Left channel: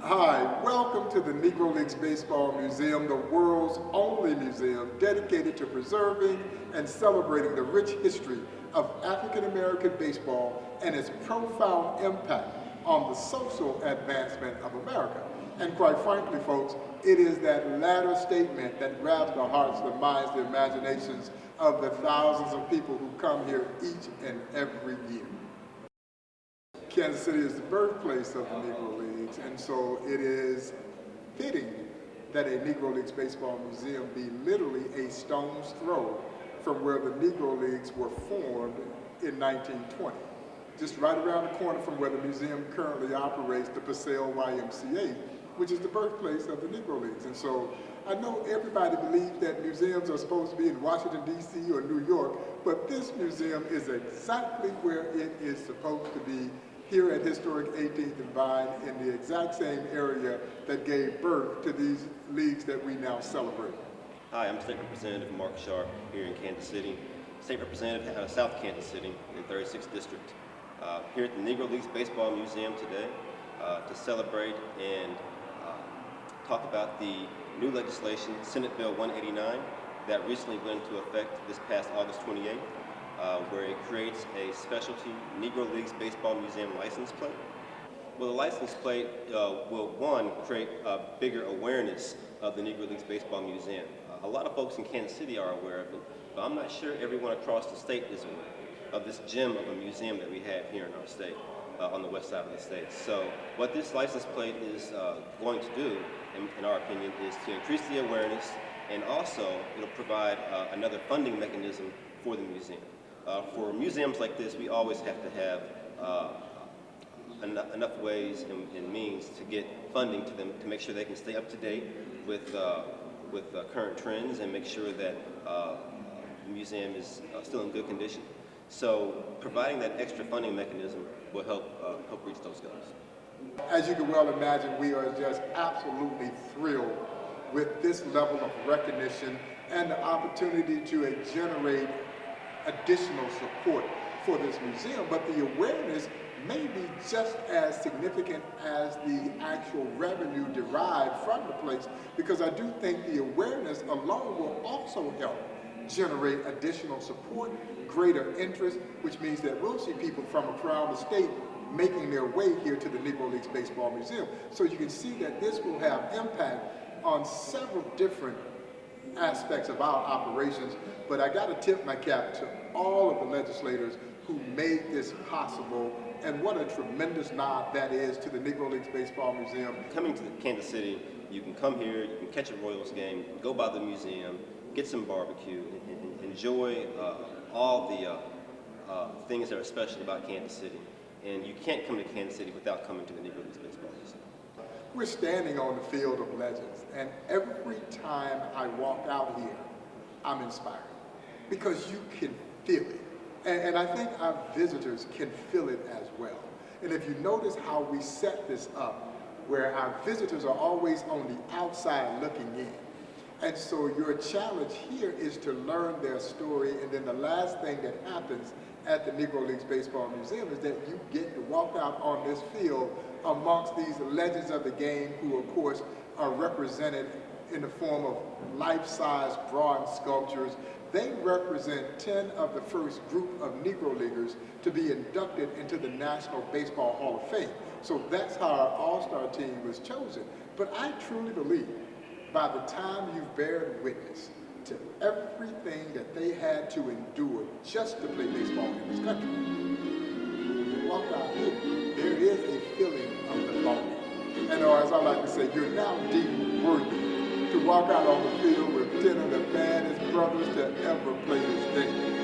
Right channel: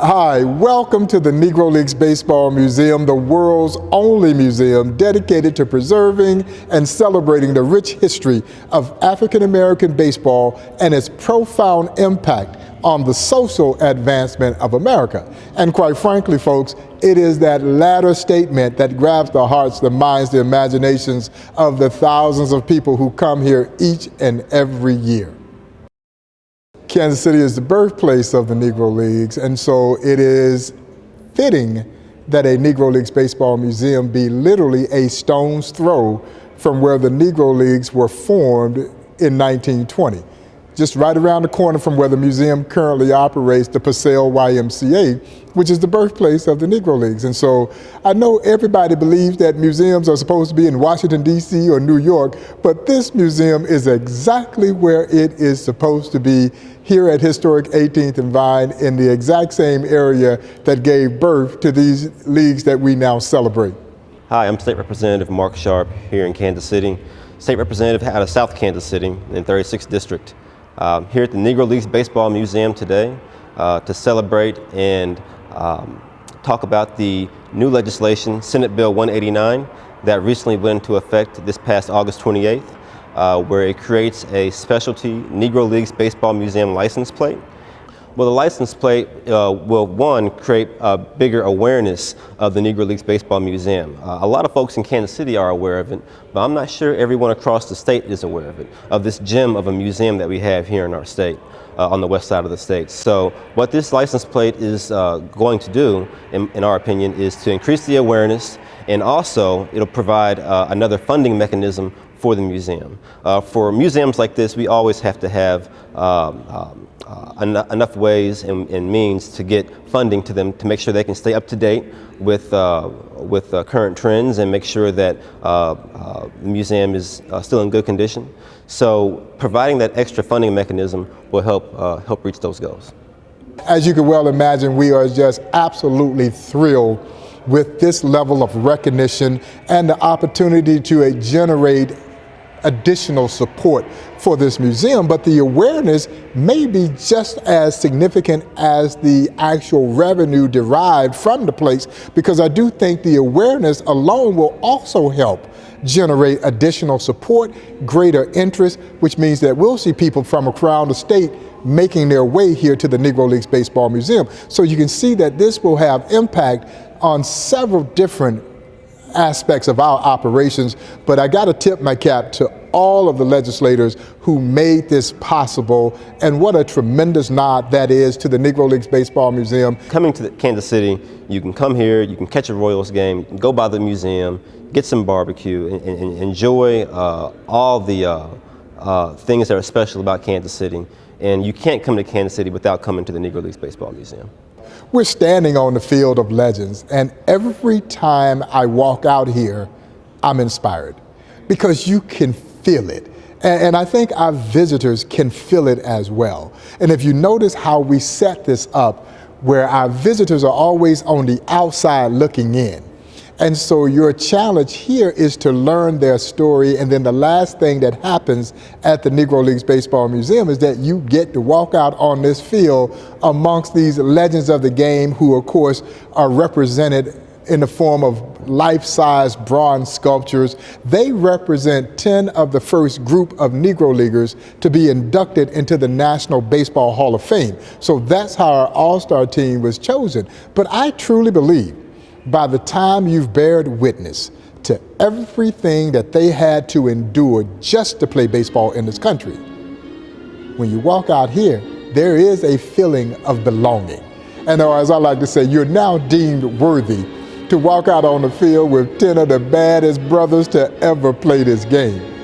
Hi, welcome to the Negro Leagues Baseball Museum, the world's only museum dedicated to preserving and celebrating the rich history of African American baseball and its profound impact on the social advancement of America. And quite frankly, folks, it is that latter statement that grabs the hearts, the minds, the imaginations of the thousands of people who come here each and every year. Kansas City is the birthplace of the Negro Leagues, and so it is fitting that a Negro Leagues Baseball Museum be literally a stone's throw from where the Negro Leagues were formed in 1920. Just right around the corner from where the museum currently operates, the Purcell YMCA, which is the birthplace of the Negro Leagues. And so I know everybody believes that museums are supposed to be in Washington, D.C. or New York, but this museum is exactly where it is supposed to be, here at historic 18th and Vine, in the exact same area that gave birth to these leagues that we now celebrate. Hi, I'm State Representative Mark Sharp here in Kansas City, State Representative out of South Kansas City in 36th District. Here at the Negro Leagues Baseball Museum today to celebrate and talk about the new legislation, Senate Bill 189, that recently went into effect this past August 28th. Where it creates a specialty Negro Leagues Baseball Museum license plate. Well, the license plate will, one, create a bigger awareness of the Negro Leagues Baseball Museum. A lot of folks in Kansas City are aware of it, but I'm not sure everyone across the state is aware of it, of this gem of a museum that we have here in our state, on the west side of the state. So what this license plate is going to do, in our opinion, is to increase the awareness, and also it'll provide another funding mechanism for the museum. For museums like this, we always have to have enough ways and means to get funding to them to make sure they can stay up to date with current trends and make sure that the museum is still in good condition. So providing that extra funding mechanism will help reach those goals. As you can well imagine, we are just absolutely thrilled with this level of recognition and the opportunity to generate additional support for this museum, but the awareness may be just as significant as the actual revenue derived from the place, because I do think the awareness alone will also help generate additional support, greater interest, which means that we'll see people from around the state making their way here to the Negro Leagues Baseball Museum. So you can see that this will have impact on several different aspects of our operations, but I got to tip my cap to all of the legislators who made this possible, and what a tremendous nod that is to the Negro Leagues Baseball Museum. Coming to Kansas City, you can come here, you can catch a Royals game, go by the museum, get some barbecue, and enjoy all the things that are special about Kansas City. And you can't come to Kansas City without coming to the Negro Leagues Baseball Museum. We're standing on the field of legends, and every time I walk out here, I'm inspired, because you can feel it. And I think our visitors can feel it as well. And if you notice how we set this up, where our visitors are always on the outside looking in. And so your challenge here is to learn their story, and then the last thing that happens at the Negro Leagues Baseball Museum is that you get to walk out on this field amongst these legends of the game, who of course are represented in the form of life-size bronze sculptures. They represent 10 of the first group of Negro Leaguers to be inducted into the National Baseball Hall of Fame. So that's how our all-star team was chosen. But I truly believe, by the time you've bared witness to everything that they had to endure just to play baseball in this country, when you walk out here, there is a feeling of belonging. And as I like to say, you're now deemed worthy to walk out on the field with 10 of the baddest brothers to ever play this game.